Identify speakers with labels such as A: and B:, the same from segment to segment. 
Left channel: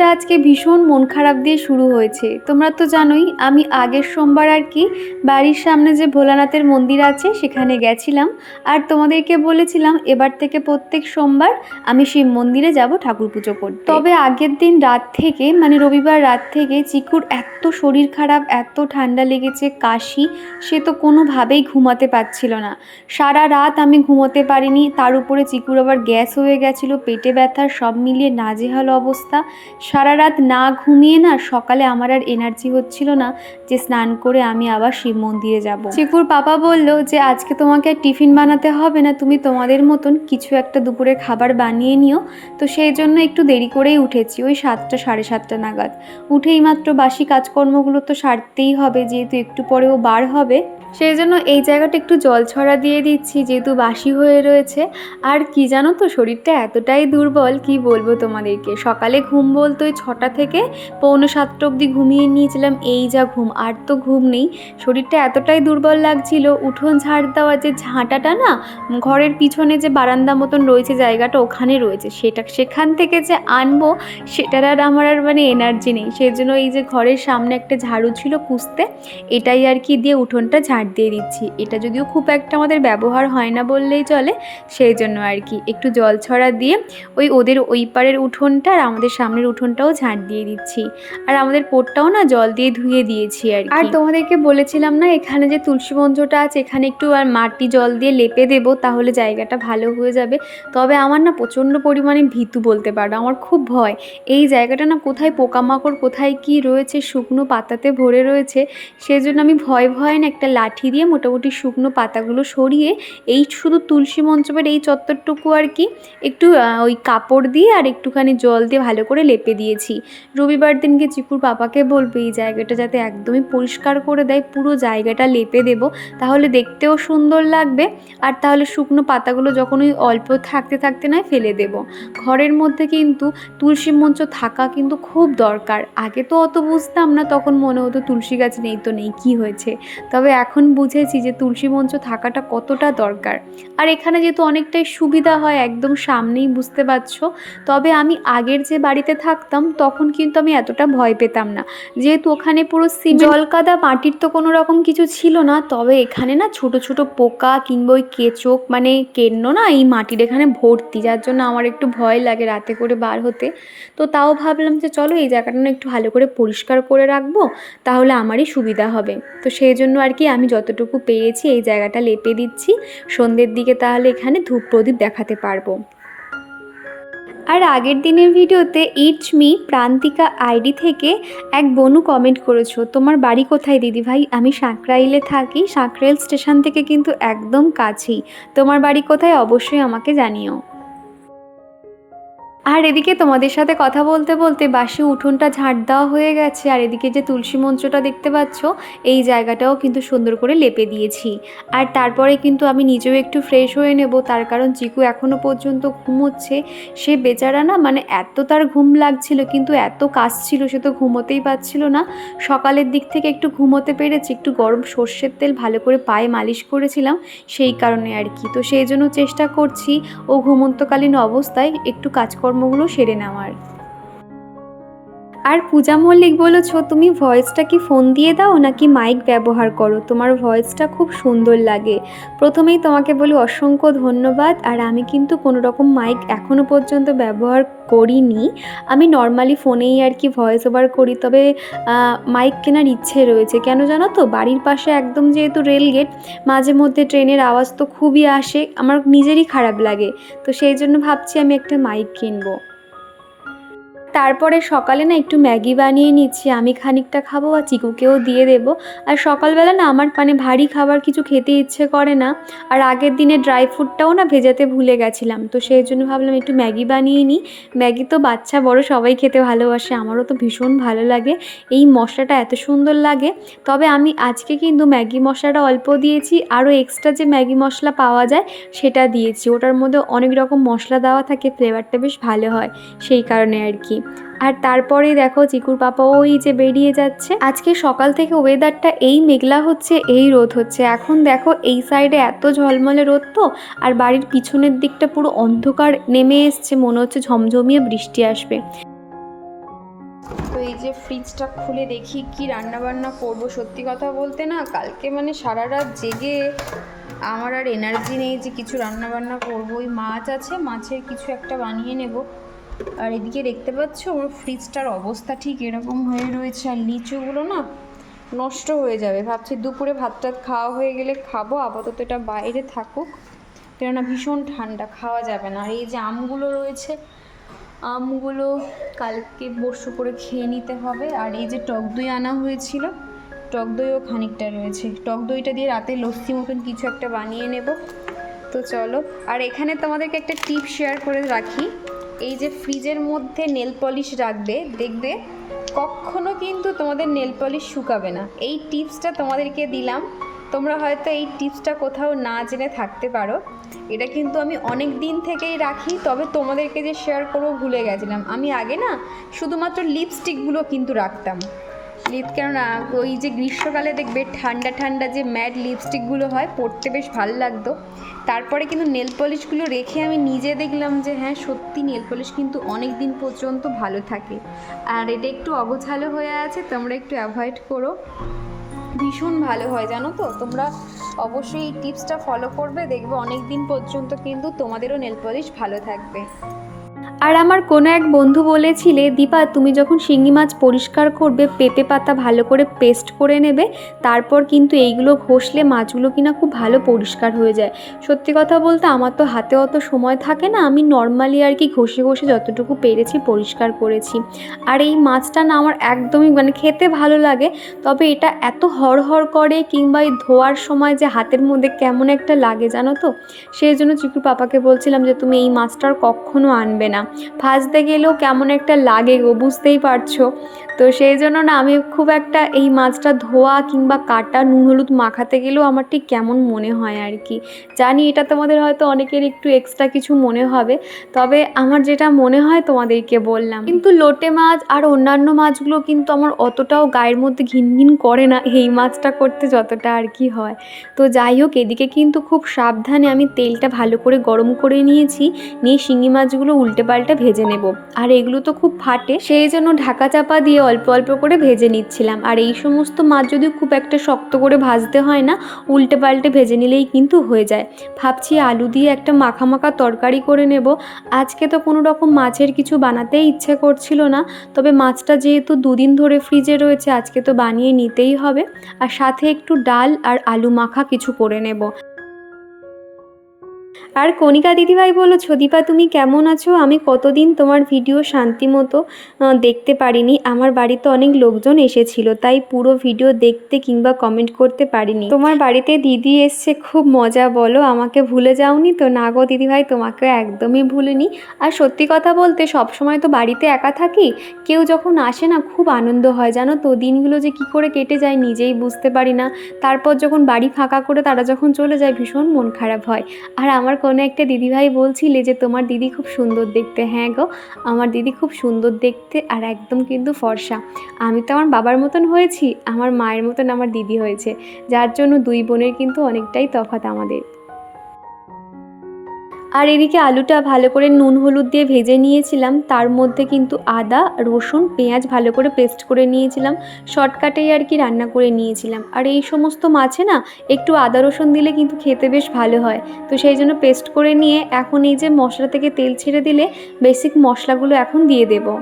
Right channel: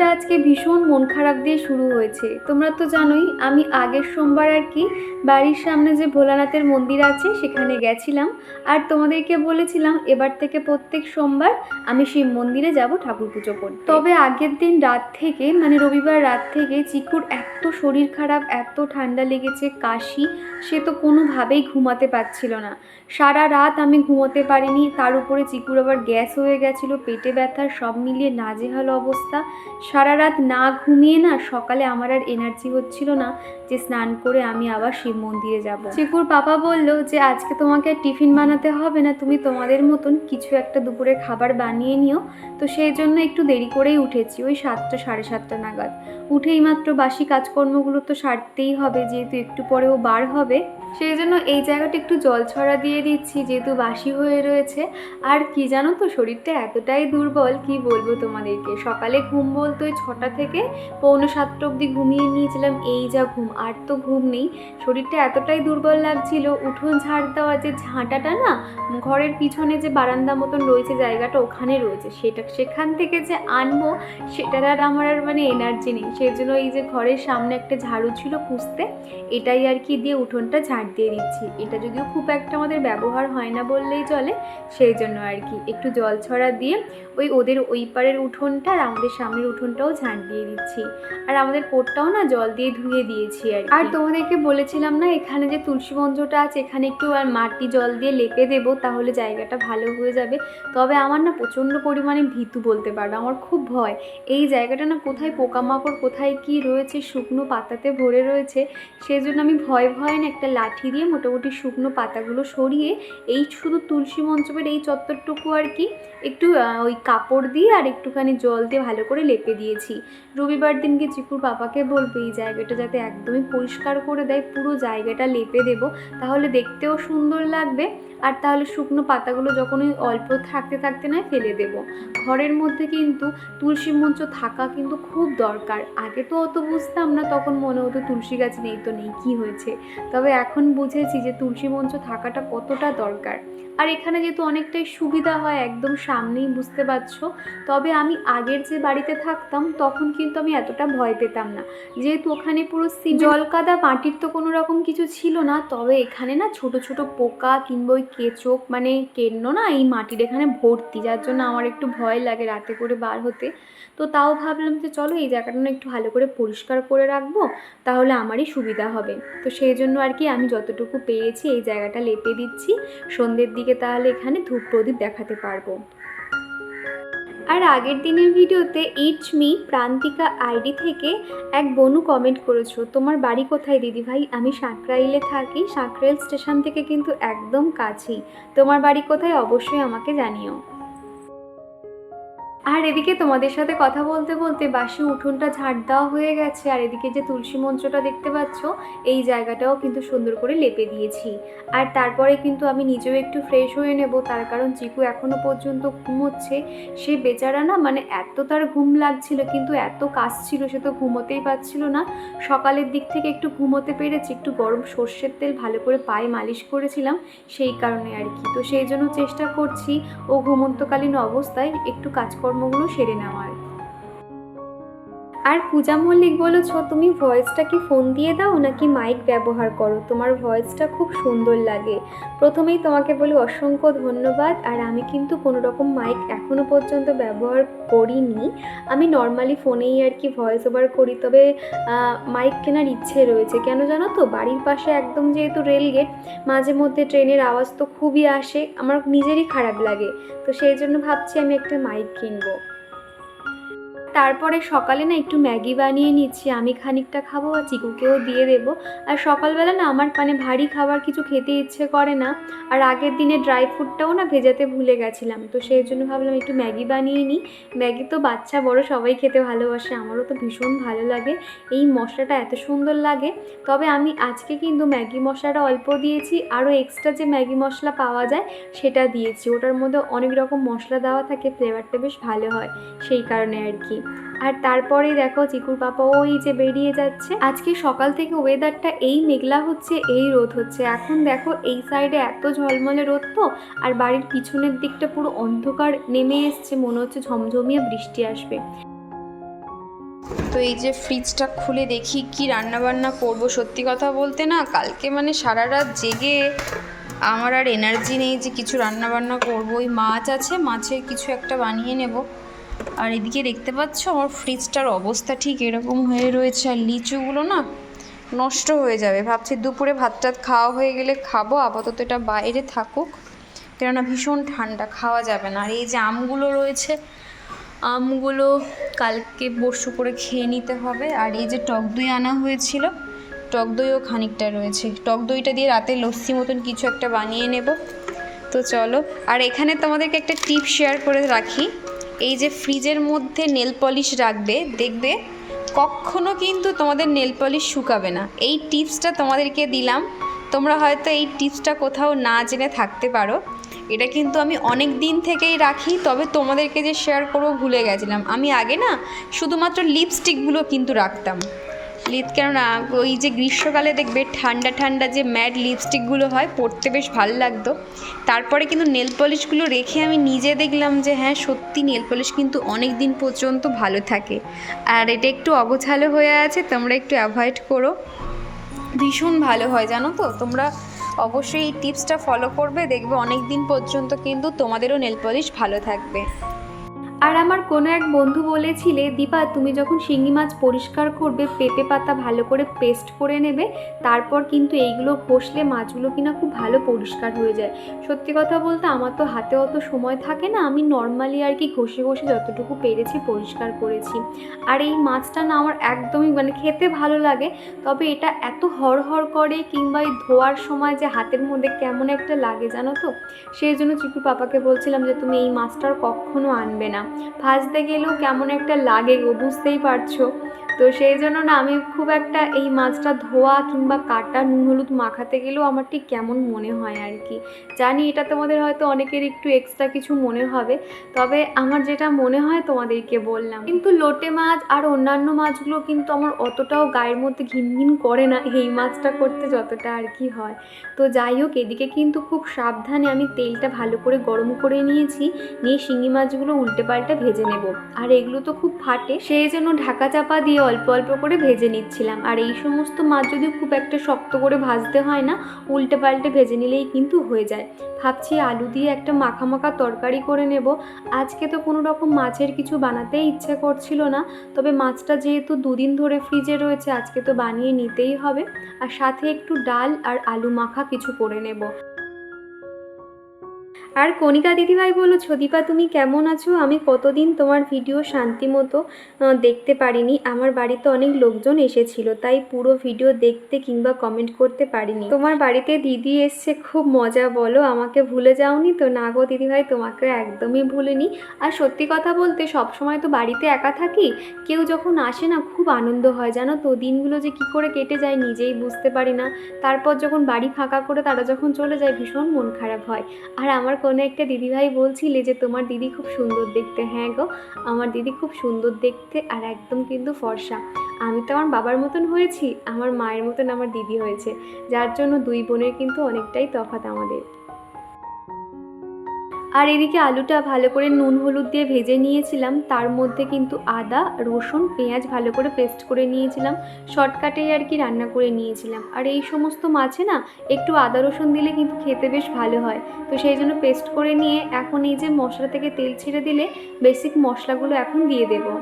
A: সকালটা আজকে ভীষণ মন খারাপ দিয়ে শুরু হয়েছে। তোমরা তো জানোই, আমি আগের সোমবার আর কি বাড়ির সামনে যে ভোলানাথের মন্দির আছে, সেখানে গেছিলাম। আর তোমাদেরকে বলেছিলাম, এবার থেকে প্রত্যেক সোমবার আমি শিব মন্দিরে যাব ঠাকুর পুজো করতে। তবে আগের দিন রাত থেকে মানে রবিবার রাত থেকে চিকুর এত শরীর খারাপ, এত ঠান্ডা লেগেছে, কাশি, সে তো কোনোভাবেই ঘুমাতে পারছিল না। সারা রাত আমি ঘুমোতে পারিনি, তার উপরে চিকুর আবার গ্যাস হয়ে গেছিল, পেটে ব্যথা, সব মিলিয়ে নাজেহাল অবস্থা। সারা রাত না ঘুমিয়ে না সকালে আমার আর এনার্জি হচ্ছিল না যে স্নান করে আমি আবার শিব মন্দিরে যাব। চিকুর পাপা বলল যে, আজকে তোমাকে আর টিফিন বানাতে হবে না, তুমি তোমাদের মতন কিছু একটা দুপুরের খাবার বানিয়ে নিও। তো সেই জন্য একটু দেরি করেই উঠেছি, ওই সাতটা, সাড়ে সাতটা নাগাদ। উঠেই মাত্র বাসি কাজকর্মগুলো তো সারতেই হবে, যেহেতু একটু পরেও বার হবে। সেই জন্য এই জায়গাটা একটু জল ছড়া দিয়ে দিচ্ছি, যেহেতু বাসি হয়ে রয়েছে। আর কি জানো তো, শরীরটা এতটাই দুর্বল, কি বলব তোমাদেরকে? সকালে ঘুম বলতো ওই ছটা থেকে পৌনে সাতটা অবধি ঘুমিয়ে নিয়েছিলাম, এই যা ঘুম, আর তো ঘুম নেই। শরীরটা এতটাই দুর্বল লাগছিল, উঠোন ঝাড় দেওয়া যে ঝাঁটাটা না, ঘরের পিছনে যে বারান্দা মতন রয়েছে, জায়গাটা ওখানে রয়েছে। সেটা, সেখান থেকে যে আনব, সেটার আর আমার আর মানে এনার্জি নেই। সেই জন্য এই যে ঘরের সামনে একটা ঝাড়ু ছিল কুস্তে এটাই আর কি দিয়ে উঠোনটা ঝাড় দিয়ে দিচ্ছি। এটা যদিও খুব একটা আমাদের ব্যবহার হয় না বললেই চলে, সেই জন্য আর কি। একটু জল ছড়া দিয়ে ওই ওদের ওই পারের উঠোনটা আর আমাদের সামনের উঠোনটাও ঝাঁট দিয়ে দিচ্ছি। আর আমাদের পোটটাও না জল দিয়ে ধুয়ে দিয়েছি আর। আর তোমাদেরকে বলেছিলাম না, এখানে যে তুলসী মঞ্চটা আছে, এখানে একটু আর মাটি জল দিয়ে লেপে দেবো, তাহলে জায়গাটা ভালো হয়ে যাবে। তবে আমার না প্রচণ্ড পরিমাণে ভীতু বলতে পারো, আমার খুব ভয়। এই জায়গাটা না কোথায় পোকামাকড়, কোথায় কি রয়েছে, শুকনো পাতাতে ভরে রয়েছে, সেই জন্য আমি ভয় ভয় না একটা লাঠি দিয়ে মোটামুটি শুকনো পাতাগুলো সরিয়ে এই শুধু তুলসী মঞ্চপের এই চত্বরটুকু আর কি, একটু ওই কাপড় দিয়ে আর একটুখানি জল দিয়ে ভালো করে লেপে দিয়েছি। রবিবার দিনকে চিকুর পাপাকে বলব এই জায়গাটা যাতে একদমই পরিষ্কার করে দেয়, পুরো জায়গাটা লেপে দেবো, তাহলে দেখতেও সুন্দর লাগবে। আর তাহলে শুকনো পাতাগুলো যখন ওই অল্প থাকতে থাকতে নয় ফেলে দেব। ঘরের মধ্যে কিন্তু তুলসী মঞ্চ থাকা কিন্তু খুব দরকার। আগে তো অত বুঝতাম না, তখন মনে হতো তুলসী গাছ নেই তো নেই, কি হয়েছে? তবে এখন বুঝেছি যে তুলসী মঞ্চ থাকাটা কতটা দরকার। আর এখানে যেহেতু অনেকটাই সুবিধা হয় একদম সামনেই বুঝতে পারছ তবে আমি আগের যে বাড়িতে থাকতাম তখন কিন্তু আমি এতটা ভয় পেতাম না। যেহেতু ওখানে পুরো সিমেন্ট জলকাদা মাটির তো কোনো রকম কিছু ছিল না তবে এখানে না ছোট ছোট পোকা কিংবা ওই কেচোক মানে কেন্ন না এই মাটির এখানে ভর্তি যার জন্য আমার একটু ভয় লাগে রাতে করে বার হতে। তো তাও ভাবলাম যে চলো এই জায়গাটা না একটু ভালো করে পরিষ্কার করে রাখব তাহলে আমারই সুবিধা হবে। তো সেই জন্য আর কি আমি যতটুকু পেয়েছি, এই জায়গাটা লেপে দিচ্ছি। সন্ধ্যের দিকে তাহলে এখানে ধূপ প্রদীপ দেখাতে পারব। আর আগের দিনের ভিডিওতে ইটস মি, প্রান্তিকা আইডি থেকে এক বনু কমেন্ট করেছ, তোমার বাড়ি কোথায় দিদি ভাই আমি সাঁকরাইলে থাকি, সাঁকরাইল স্টেশন থেকে কিন্তু একদম কাছেই। তোমার বাড়ি কোথায়? অবশ্যই আমাকে জানিও। আর এদিকে তোমাদের সাথে কথা বলতে বলতে বাসি উঠোনটা ঝাড় দেওয়া হয়ে গেছে, আর এদিকে যে তুলসী মঞ্চটা দেখতে পাচ্ছ, এই জায়গাটাও কিন্তু সুন্দর করে লেপে দিয়েছি। আর তারপরে কিন্তু আমি নিজেও একটু ফ্রেশ হয়ে নেব, তার কারণ চিকু এখনও পর্যন্ত ঘুমোচ্ছে। সে বেচারা না মানে এত তার ঘুম লাগছিল, কিন্তু এত কাজ ছিল, সে তো ঘুমোতেই পারছিল না। সকালের দিক থেকে একটু ঘুমোতে পেরেছে, একটু গরম সর্ষের তেল ভালো করে পায়ে মালিশ করেছিলাম, সেই কারণে আর কি। তো সেই জন্য চেষ্টা করছি, ও ঘুমন্তকালীন অবস্থায় একটু কাজকর্মগুলো সেরে নেওয়ার। আর পূজা মল্লিক বলেছ, তুমি ভয়েসটা কি ফোন দিয়ে দাও নাকি মাইক ব্যবহার করো? তোমার ভয়েসটা খুব সুন্দর লাগে। প্রথমেই তোমাকে বলি অসংখ্য ধন্যবাদ, আর আমি কিন্তু কোনো রকম মাইক এখনও পর্যন্ত ব্যবহার করিনি। আমি নর্মালি ফোনেই আর কি ভয়েস ওভার করি, তবে মাইক কেনার ইচ্ছে রয়েছে। কেন জানো তো? বাড়ির পাশে একদম যেহেতু রেলগেট মাঝে মধ্যে ট্রেনের আওয়াজ তো খুবই আসে, আমার নিজেরই খারাপ লাগে। তো সেই জন্য ভাবছি আমি একটা মাইক কিনবো। তারপরে সকালে না একটু ম্যাগি বানিয়ে নিচ্ছি, আমি খানিকটা খাব আর চিকুকেও দিয়ে দেবো। আর সকালবেলা না আমার মানে ভারী খাবার কিছু খেতে ইচ্ছে করে না। আর আগের দিনে ড্রাই ফ্রুটটাও না ভেজাতে ভুলে গেছিলাম, তো সেই জন্য ভাবলাম একটু ম্যাগি বানিয়ে নিই। ম্যাগি তো বাচ্চা বড়, সবাই খেতে ভালোবাসে, আমারও তো ভীষণ ভালো লাগে। এই মশলাটা এত সুন্দর লাগে। তবে আমি আজকে কিন্তু ম্যাগি মশলাটা অল্প দিয়েছি, আরও এক্সট্রা যে ম্যাগি মশলা পাওয়া যায় সেটা দিয়েছি। ওটার মধ্যে অনেক রকম মশলা দেওয়া থাকে, ফ্লেভারটা বেশ ভালো হয়, সেই কারণে আর কি। আর তারপরে দেখো চিকুর পাপা ওই যে বেরিয়ে যাচ্ছে। আজকে সকাল থেকে ওয়েদারটা এই মেঘলা হচ্ছে, এই রোদ হচ্ছে। এখন দেখো এই সাইডে এত ঝলমলে রোদ তো, আর বাড়ির পিছনের দিকটা পুরো অন্ধকার নেমে এসছে, মনে হচ্ছে ঝমঝমিয়ে বৃষ্টি আসবে।
B: তো এই যে ফ্রিজটা খুলে দেখি কি রান্না বান্না করব, সত্যি কথা বলতে না, কালকে মানে সারা রাত জেগে আমার আর এনার্জি নেই যে কিছু রান্না বান্না করব। ওই মাছ আছে, মাছের কিছু একটা বানিয়ে নেব। আর এদিকে দেখতে পাচ্ছ, আমার ফ্রিজটার অবস্থা ঠিক এরকম হয়ে রয়েছে, আর লিচুগুলো না নষ্ট হয়ে যাবে। ভাবছি দুপুরে ভাত টাত খাওয়া হয়ে গেলে খাব, আপাতত এটা বাইরে থাকুক। কেননা ভীষণ ঠান্ডা, খাওয়া যাবে না। আর এই যে আমগুলো রয়েছে, আমগুলো কালকে বর্ষ করে খেয়ে নিতে হবে। আর এই যে টক দই আনা হয়েছিল, টক দইও খানিকটা রয়েছে। টক দইটা দিয়ে রাতে লস্যি মতন কিছু একটা বানিয়ে নেব। তো চলো, আর এখানে তোমাদেরকে একটা টিপ শেয়ার করে রাখি। এই যে ফ্রিজের মধ্যে নেল পলিশ রাখবে, দেখবে কখনো কিন্তু তোমাদের নেল পলিশ শুকাবে না। এই টিপসটা তোমাদেরকে দিলাম। তোমরা হয়তো এই টিপসটা কোথাও না জেনে থাকতে পারো। এটা কিন্তু আমি অনেক দিন থেকেই রাখি, তবে তোমাদেরকে যে শেয়ার করব ভুলে গেছিলাম। আমি আগে না শুধুমাত্র লিপস্টিকগুলো কিন্তু রাখতাম। লিপ কেননা ওই যে গ্রীষ্মকালে দেখবে ঠান্ডা ঠান্ডা যে ম্যাট লিপস্টিকগুলো হয়, পরতে বেশ ভালো লাগতো। তারপরে কিন্তু নেল পলিশগুলো রেখে আমি নিজে দেখলাম যে হ্যাঁ সত্যি নেল পলিশ কিন্তু অনেক দিন পর্যন্ত ভালো থাকে। আর এটা একটু অগোছালো হয়ে আছে, তোমরা একটু অ্যাভয়েড করো। ভীষণ ভালো হয়, জানো তো? তোমরা অবশ্যই এই টিপসটা ফলো করবে, দেখবে অনেক দিন পর্যন্ত কিন্তু তোমাদেরও নেল পলিশ ভালো থাকবে।
A: আর আমার কোনো এক বন্ধু বলেছিলে, দীপা, তুমি যখন শিঙি মাছ পরিষ্কার করবে, পেঁপে পাতা ভালো করে পেস্ট করে নেবে, তারপর কিন্তু এইগুলো ঘষলে মাছগুলো কিনা খুব ভালো পরিষ্কার হয়ে যায়। সত্যি কথা বলতে আমার তো হাতে অত সময় থাকে না, আমি নর্মালি আর কি ঘষে ঘষে যতটুকু পেরেছি পরিষ্কার করেছি। আর এই মাছটা না আমার একদমই মানে খেতে ভালো লাগে, তবে এটা এত হড়হড় করে কিংবা এই ধোয়ার সময় যে হাতের মধ্যে কেমন একটা লাগে জানো তো? সেই জন্য চিকু পাপাকে বলছিলাম যে, তুমি এই মাছটা আর কখনো আনবে না। ভাজতে গেলেও কেমন একটা লাগে গো বুঝতেই পারছ। তো সেই জন্য না আমি খুব একটা এই মাছটা ধোয়া কিংবা কাটা নুন, হলুদ মাখাতে গেলেও আমার ঠিক কেমন মনে হয় আর কি। জানি এটা তোমাদের হয়তো অনেকের একটু এক্সট্রা কিছু মনে হবে, তবে আমার যেটা মনে হয় তোমাদেরকে বললাম। কিন্তু লোটে মাছ আর অন্যান্য মাছগুলো কিন্তু আমার অতটাও গায়ের মধ্যে ঘিনঘিন করে না, এই মাছটা করতে যতটা আর কি হয়। তো যাই হোক, এদিকে কিন্তু খুব সাবধানে আমি তেলটা ভালো করে গরম করে নিয়েছি, নিয়ে শিঙি মাছগুলো উল্টে পাল্টে ভেজে নেব। আর এগুলো তো খুব ফাটে, সেই জন্য ঢাকা চাপা দিয়ে অল্প অল্প করে ভেজে নিচ্ছিলাম। আর এই সমস্ত মাছ যদি খুব একটা শক্ত করে ভাজতে হয় না, উল্টে পাল্টে ভেজে নিলেই কিন্তু হয়ে যায়। ভাবছি আলু দিয়ে একটা মাখা মাখা তরকারি করে নেব। আজকে তো কোনো রকম মাছের কিছু বানাতেই ইচ্ছে করছিল না। তবে মাছটা যেহেতু দুদিন ধরে ফ্রিজে রয়েছে, আজকে তো বানিয়ে নিতেই হবে। আর সাথে একটু ডাল আর আলু মাখা কিছু করে নেব। আর কণিকা দিদিভাই বলো ছদিপা, তুমি কেমন আছো? আমি কতদিন তোমার ভিডিও শান্তি মতো দেখতে পারিনি। আমার বাড়িতে অনেক লোকজন এসেছিল, তাই পুরো ভিডিও দেখতে কিংবা কমেন্ট করতে পারিনি। তোমার বাড়িতে দিদি এসছে, খুব মজা, বলো, আমাকে ভুলে যাওনি তো? না গো দিদিভাই তোমাকে একদমই ভুলিনি। আর সত্যি কথা বলতে সব সময় তো বাড়িতে একা থাকি। কেউ যখন আসে না, খুব আনন্দ হয়, জানো তো? দিনগুলো যে কি করে কেটে যায়, নিজেই বুঝতে পারি না। তারপর যখন বাড়ি ফাঁকা করে তারা যখন চলে যায়, ভীষণ মন খারাপ হয়। আর আমার কোনো একটা দিদিভাই বলছিলে যে তোমার দিদি খুব সুন্দর দেখতে। হ্যাঁ গো, আমার দিদি খুব সুন্দর দেখতে আর একদম কিন্তু ফর্সা। আমি তো আমার বাবার মতন হয়েছি, আমার মায়ের মতন আমার দিদি হয়েছে। যার জন্য দুই বোনের কিন্তু অনেকটাই তফাত আমাদের। আর এদিকে আলুটা ভালো করে নুন হলুদ দিয়ে ভেজে নিয়েছিলাম। তার মধ্যে কিন্তু আদা, রসুন, পেঁয়াজ ভালো করে পেস্ট করে নিয়েছিলাম। শর্টকাটেই আর কি রান্না করে নিয়েছিলাম। আর এই সমস্ত মাছে না একটু আদা, রসুন দিলে কিন্তু খেতে বেশ ভালো হয়। তো সেই জন্য পেস্ট করে নিয়ে এখন এই যে মশলা থেকে তেল ছেড়ে দিলে বেসিক মশলাগুলো এখন দিয়ে দেবো।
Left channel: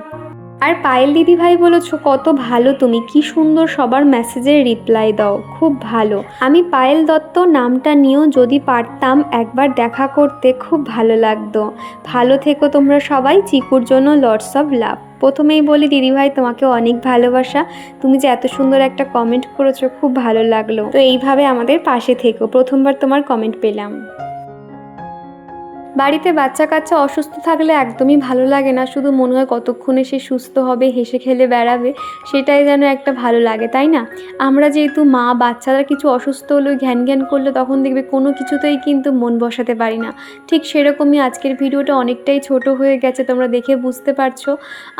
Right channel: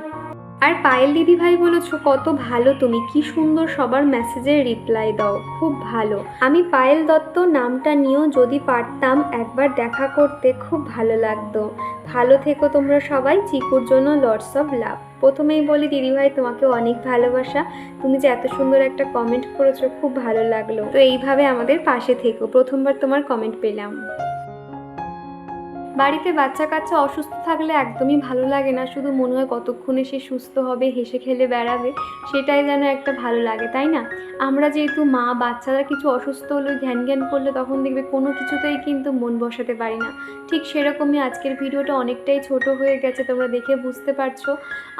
A: আর পায়েল দিদি ভাই বলেছ, কত ভালো তুমি। কি সুন্দর সবার মেসেজের রিপ্লাই দাও। খুব ভালো। আমি পায়েল দত্ত নামটা নিয়েও যদি পারতাম একবার দেখা করতে, খুব ভালো লাগতো। ভালো থেকো তোমরা সবাই। চিকুর জন্য লটস অফ লাভ প্রথমেই বলি, দিদিভাই তোমাকে অনেক ভালোবাসা। তুমি যে এত সুন্দর একটা কমেন্ট করেছ, খুব ভালো লাগল। তো এইভাবে আমাদের পাশে থেকো। প্রথমবার তোমার কমেন্ট পেলাম। বাড়িতে বাচ্চা কাচ্চা অসুস্থ থাকলে একদমই ভালো লাগে না। শুধু মনে হয় কতক্ষণে সে সুস্থ হবে, হেসে খেলে বেড়াবে, সেটাই যেন একটা ভালো লাগে, তাই না? আমরা যেহেতু মা, বাচ্চারা কিছু অসুস্থ হলেও ঘ্যান ঘ্যান করলে তখন দেখবে কোনো কিছুতেই কিন্তু মন বসাতে পারি না। ঠিক সেরকমই আজকের ভিডিওটা অনেকটাই ছোট হয়ে গেছে, তোমরা দেখে বুঝতে পারছ।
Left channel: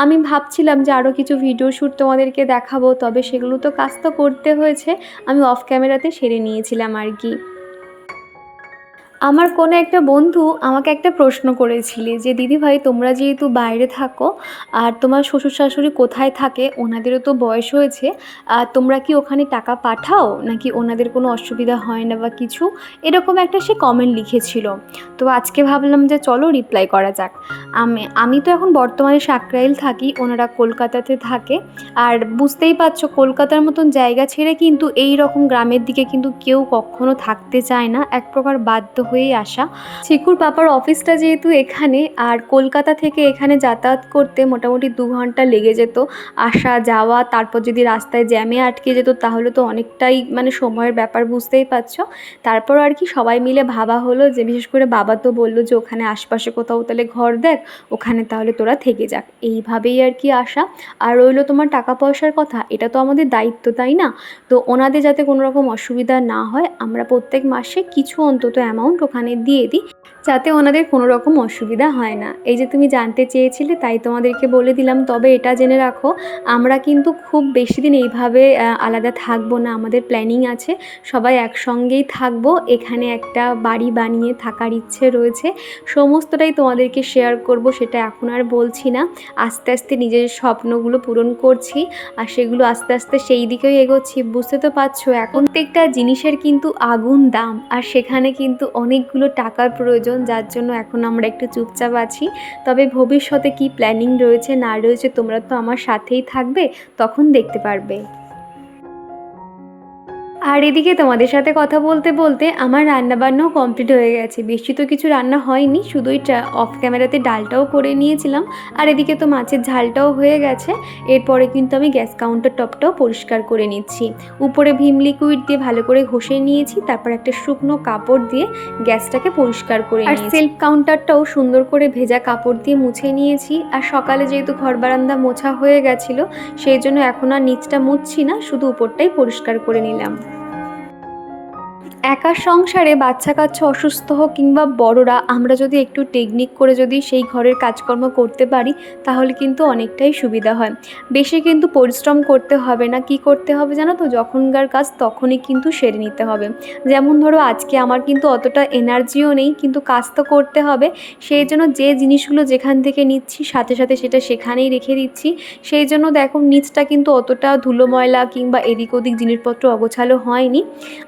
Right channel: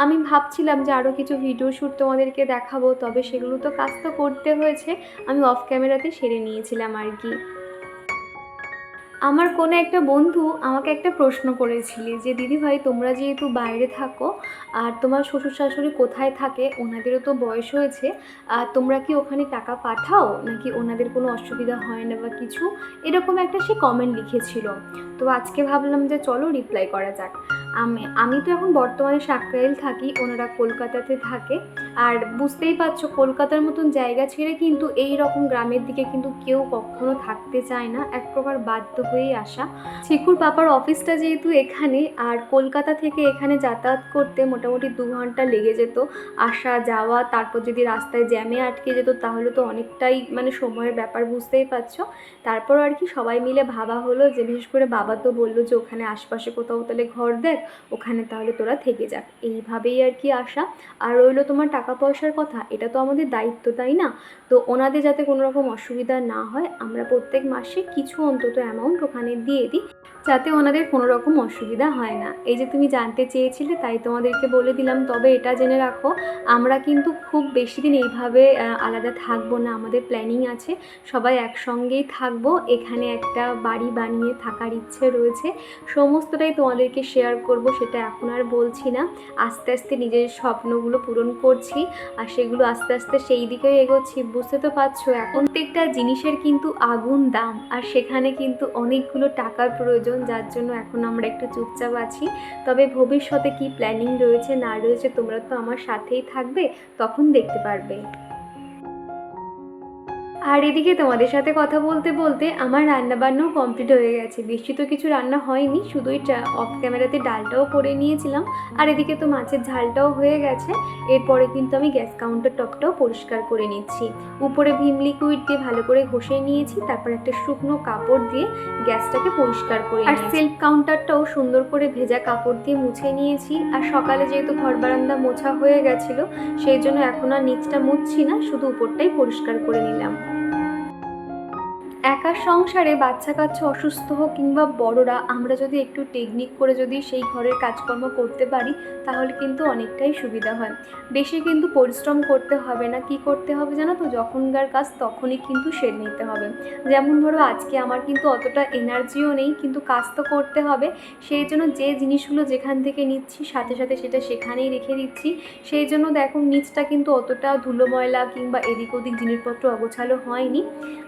A: আমি ভাবছিলাম যে আরও কিছু ভিডিও শ্যুট তোমাদেরকে দেখাবো, তবে সেগুলো তো কাজ তো করতে হয়েছে। আমি অফ ক্যামেরাতে সেরে নিয়েছিলাম আর কি। আমার কোনো একটা বন্ধু আমাকে একটা প্রশ্ন করেছিলে যে দিদিভাই তোমরা যেহেতু বাইরে থাকো আর তোমার শ্বশুর শাশুড়ি কোথায় থাকে? ওনাদেরও তো বয়স হয়েছে। আর তোমরা কি ওখানে টাকা পাঠাও? নাকি ওনাদের কোনো অসুবিধা হয় না বা কিছু? এরকম একটা সে কমেন্ট লিখেছিল। তো আজকে ভাবলাম যে, চলো রিপ্লাই করা যাক। আমি আমি তো এখন বর্তমানে সাকরাইল থাকি, ওনারা কলকাতাতে থাকে। আর বুঝতেই পারছ, কলকাতার মতন জায়গা ছেড়ে কিন্তু এই রকম গ্রামের দিকে কিন্তু কেউ কখনো থাকতে চায় না। এক প্রকার বাধ্য হয়েই আসা। চিকুর পাপার অফিসটা যেহেতু এখানে, আর কলকাতা থেকে এখানে যাতায়াত করতে মোটামুটি দু ঘণ্টা লেগে যেত। আসা, যাওয়া, তারপর যদি রাস্তায় জ্যামে আটকে যেত, তাহলে তো অনেকটাই মানে সময়ের ব্যাপার, বুঝতেই পারছ। তারপর আর কি সবাই মিলে ভাবা হলো যে, বিশেষ করে বাবা তো বলল যে, ওখানে আশপাশে কোথাও তাহলে ঘর দেখ, ওখানে তাহলে তোরা থেকে যাক। এইভাবেই আর কি আসা। আর রইল তোমার টাকা পয়সার কথা, এটা তো আমাদের দায়িত্ব, তাই না? তো ওনাদের যাতে কোনো রকম অসুবিধা না হয়, আমরা প্রত্যেক মাসে কিছু অন্তত অ্যামাউন্ট ওখানে দিয়ে দিই, যাতে ওনাদের কোনো রকম অসুবিধা হয় না। এই যে তুমি জানতে চেয়েছিলে, তাই তোমাদেরকে বলে দিলাম। তবে এটা জেনে রাখো, আমরা কিন্তু খুব বেশি দিন এইভাবে আলাদা থাকব না। আমাদের প্ল্যানিং আছে, সবাই একসঙ্গেই থাকব। এখানে একটা বাড়ি বানিয়ে থাকার ইচ্ছে রয়েছে। সমস্তটাই তোমাদেরকে শেয়ার করব, সেটা এখন আর বলছি না। আস্তে আস্তে নিজের স্বপ্নগুলো পূরণ করছি, আর সেগুলো আস্তে আস্তে সেই দিকেই এগোচ্ছি। বুঝতে তো পারছ, এখন প্রত্যেকটা জিনিসের কিন্তু আগুন দাম, আর সেখানে কিন্তু অনেকগুলো টাকার প্রয়োজন, যার জন্য এখন আমরা একটু চুপচাপ আছি। তবে ভবিষ্যতে কি প্ল্যানিং রয়েছে না রয়েছে তোমরা তো আমার সাথেই থাকবে, তখন দেখতে পারবে। আর এদিকে তোমাদের সাথে কথা বলতে বলতে আমার রান্নাবান্নাও কমপ্লিট হয়ে গেছে। বেশি তো কিছু রান্না হয়নি শুধুই অফ ক্যামেরাতে ডালটাও করে নিয়েছিলাম। আর এদিকে তো মাছের ঝালটাও হয়ে গেছে। এরপরে কিন্তু আমি গ্যাস কাউন্টার টপটাও পরিষ্কার করে নিচ্ছি। উপরে ভীম লিকুইড দিয়ে ভালো করে ঘষে নিয়েছি তারপর একটা শুকনো কাপড় দিয়ে গ্যাসটাকে পরিষ্কার করে আর সেলফ কাউন্টারটাও সুন্দর করে ভেজা কাপড় দিয়ে মুছে নিয়েছি। আর সকালে যেহেতু ঘর বারান্দা মোছা হয়ে গেছিল সেই জন্য এখন আর নিচটা মুছছি না শুধু উপরটাই পরিষ্কার করে নিলাম। একা সংসারে বাচ্চা কাচ্চা অসুস্থ হোক কিংবা বড়রা, আমরা যদি একটু টেকনিক করে যদি সেই ঘরের কাজকর্ম করতে পারি, তাহলে কিন্তু অনেকটাই সুবিধা হয়। বেশি কিন্তু পরিশ্রম করতে হবে না। কি করতে হবে জানো তো? যখনকার কাজ তখনই কিন্তু সেরে নিতে হবে। যেমন ধরো, আজকে আমার কিন্তু অতটা এনার্জিও নেই, কিন্তু কাজ তো করতে হবে। সেই জন্য যে জিনিসগুলো যেখান থেকে নিচ্ছি, সাথে সাথে সেটা সেখানেই রেখে দিচ্ছি। সেই জন্য দেখো, নিচটা কিন্তু অতটা ধুলো ময়লা কিংবা এদিক ওদিক জিনিসপত্র অগোছালো হয়নি।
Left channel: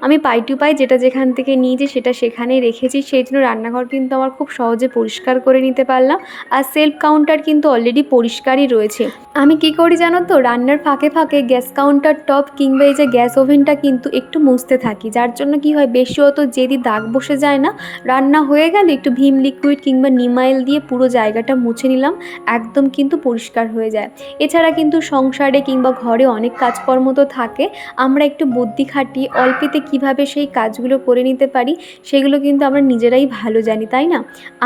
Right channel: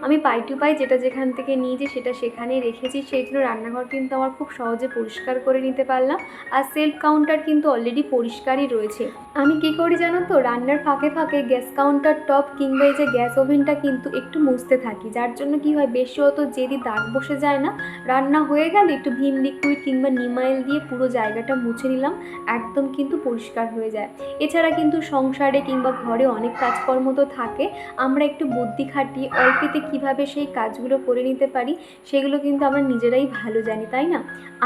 A: আমি পাই টু পাই যেটা যেখান থেকে নিয়েছি সেটা সেখানেই রেখেছি। সেই জন্য রান্নাঘর কিন্তু আমার খুব সহজে পরিষ্কার করে নিতে পারলাম। আর সেলফ কাউন্টার কিন্তু অলরেডি পরিষ্কারই রয়েছে। আমি কি করি জানো তো? রান্নার ফাঁকে ফাঁকে গ্যাস কাউন্টার টপ কিংবা এই যে গ্যাস ওভেনটা কিন্তু একটু মুছতে থাকি। যার জন্য কি হয়, বেশি অত যেদি দাগ বসে যায় না, রান্না হয়ে গেলে একটু ভীম লিকুইড কিংবা নিমাইল দিয়ে পুরো জায়গাটা মুছে নিলাম, একদম কিন্তু পরিষ্কার হয়ে যায়। এছাড়া কিন্তু সংসারে কিংবা ঘরে অনেক কাজকর্ম তো থাকে। আমরা একটু বুদ্ধি খাটিয়ে অল্পেতে কীভাবে সেই কাজগুলো করে নিতে পারি, সেগুলো কিন্তু আমরা নিজেরাই ভালো জানি, তাই না?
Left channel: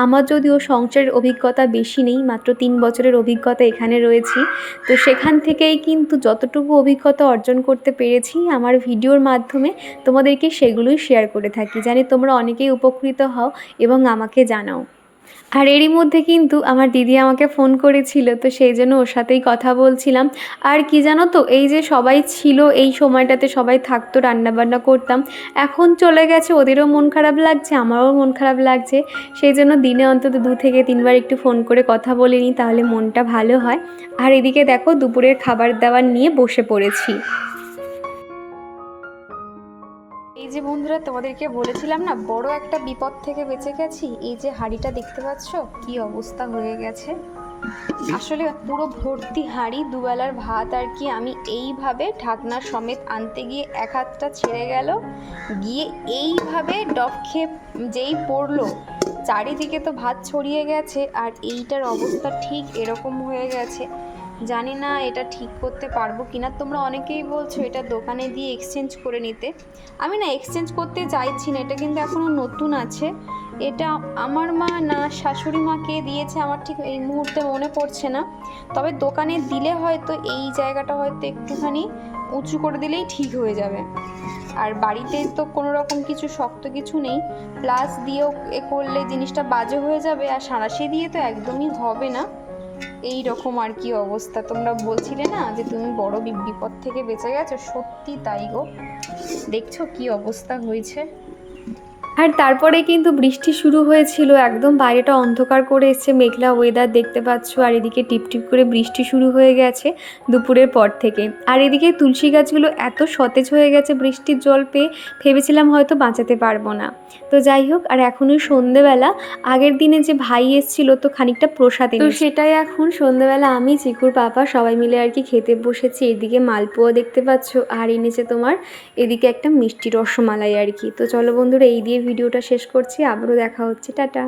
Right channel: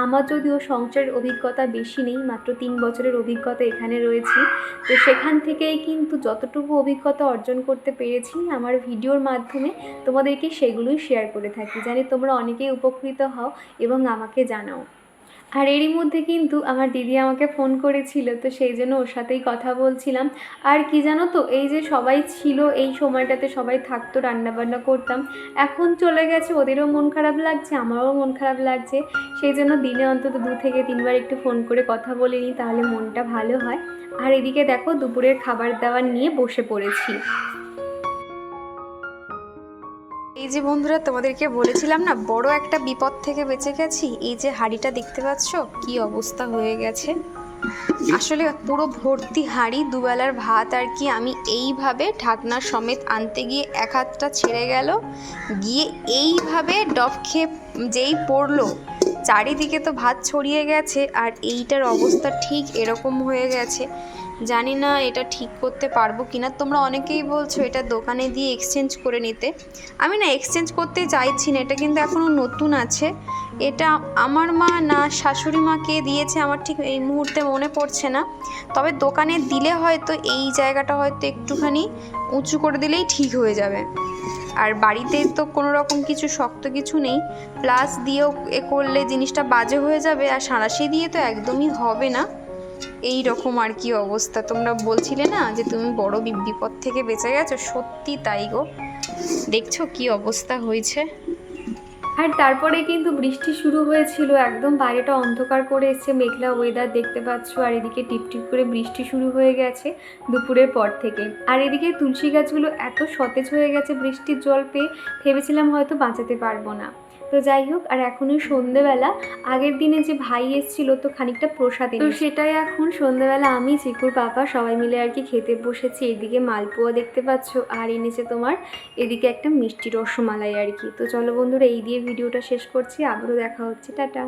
A: আমার যদিও সংসারের অভিজ্ঞতা বেশি নেই, মাত্র তিন বছরের অভিজ্ঞতা এখানে রয়েছি। তো সেখান থেকেই কিন্তু যতটুকু অভিজ্ঞতা অর্জন করতে পেরেছি, আমার ভিডিওর মাধ্যমে তোমাদেরকে সেগুলোই শেয়ার করে থাকি। জানি তোমরা অনেকেই উপকৃত হও এবং আমাকে জানাও। আর এরই মধ্যে কিন্তু আমার দিদি আমাকে ফোন করেছিল, তো সেই জন্য ওর সাথেই কথা বলছিলাম। আর কি জানো তো, এই যে সবাই ছিল এই সময়টাতে সবাই থাকতো, রান্নাবান্না করতাম। এখন চলে গেছে, ওদেরও মন খারাপ লাগছে, আমারও মন খারাপ লাগছে। সেই জন্য দিনে অন্তত দু থেকে তিনবার একটু ফোন করে কথা বলে নিই, তাহলে মনটা ভালো হয়। আর এদিকে দেখো, দুপুরের খাবার দাবার নিয়ে বসে পড়েছি।
B: এই যে বন্ধুরা, তোমাদেরকে বলেছিলাম না, বড় একটা বিপদ থেকে বেঁচে গেছি? এই যে হাঁড়িটা দেখতে পাচ্ছ, কি অবস্থা হয়ে গেছে? আসলে পুরো ভর্তি হাঁড়ি, দুবেলার ভাত আর কি আমি এইভাবে ঢাকনা সমেত আনতে গিয়ে এক হাতটা ছেড়ে গেল। গিয়ে এইভাবে ডব খেয়ে যেই পড়ল, চারিদিকে তো ভাত ছড়িয়ে গেছে আর এইটার অবস্থা ঠিক এরকম হয়ে গেছে। জানি না এটা ঠিক করতে পারব কি না তোমরা অনেকেই বলছো এটা দোকানে দিয়ে এক্সচেঞ্জ করে নিতে। আমি না এক্সচেঞ্জ করতে চাইছি না, এটা কিন্তু এখনও নতুন আছে। এটা আমার মা না, শাশুড়ি মা কে দিয়েছে আমার ঠিক এই মুহূর্তে মনে পড়ছে না। তবে দোকানে দিলে হয়তো এই জায়গাটা হয়তো একটুখানি উঁচু করে দিলেই ঠিক হয়ে যাবে। আর বাড়িতে তো কোনো রকম কিছু শক্ত কিছু নেই। প্লাস দিয়েও এ করলে জিনিসটা বাজে হয়ে যাবে, আর সাঁড়াশি দিয়ে তো একদমই হবে না। এই রকম আর কি অবস্থা। তোমরা বলছিলে না যে তুমি বড় বিপদ থেকে বেঁচে গেছো? সত্যি তাই গো। দেখছ কি অবস্থা হয়েছে?
A: আর তারপরে কিন্তু বৃষ্টি শুরু হয়েছিল একদম বাইরেটা অন্ধকার করে এসছে মেঘলা ওয়েদার দেখতে পাচ্ছ আর এদিকে টিপটিপ করে বৃষ্টি শুরু হয়ে গেছে দুপুরের পর থেকে। আর এদিকে তুলসী গাছগুলো এত সতেজ হয়ে গেছে বৃষ্টির জল পেয়ে ভেবেছিলাম হয়তো বাঁচাতে পারব না। তো যাই হোক আর এখনই সন্ধেবেলা আগের দিনে যে ভাই এসেছিল তো খানিকটা প্রসাদ তো সেটাই এখন সন্ধেবেলা আমি চিকুর পাপা সবাই মিলে আর কি খেতে বসেছি এদিকে মালপোয়া দেখতে পাচ্ছ আর এনেছে তোমার এদিকে একটা মিষ্টি রসমালাই আর কি। তো চলো বন্ধুরা এই দিয়ে ভিডিওটা শেষ করছি আবারও দেখা হচ্ছে টাটা।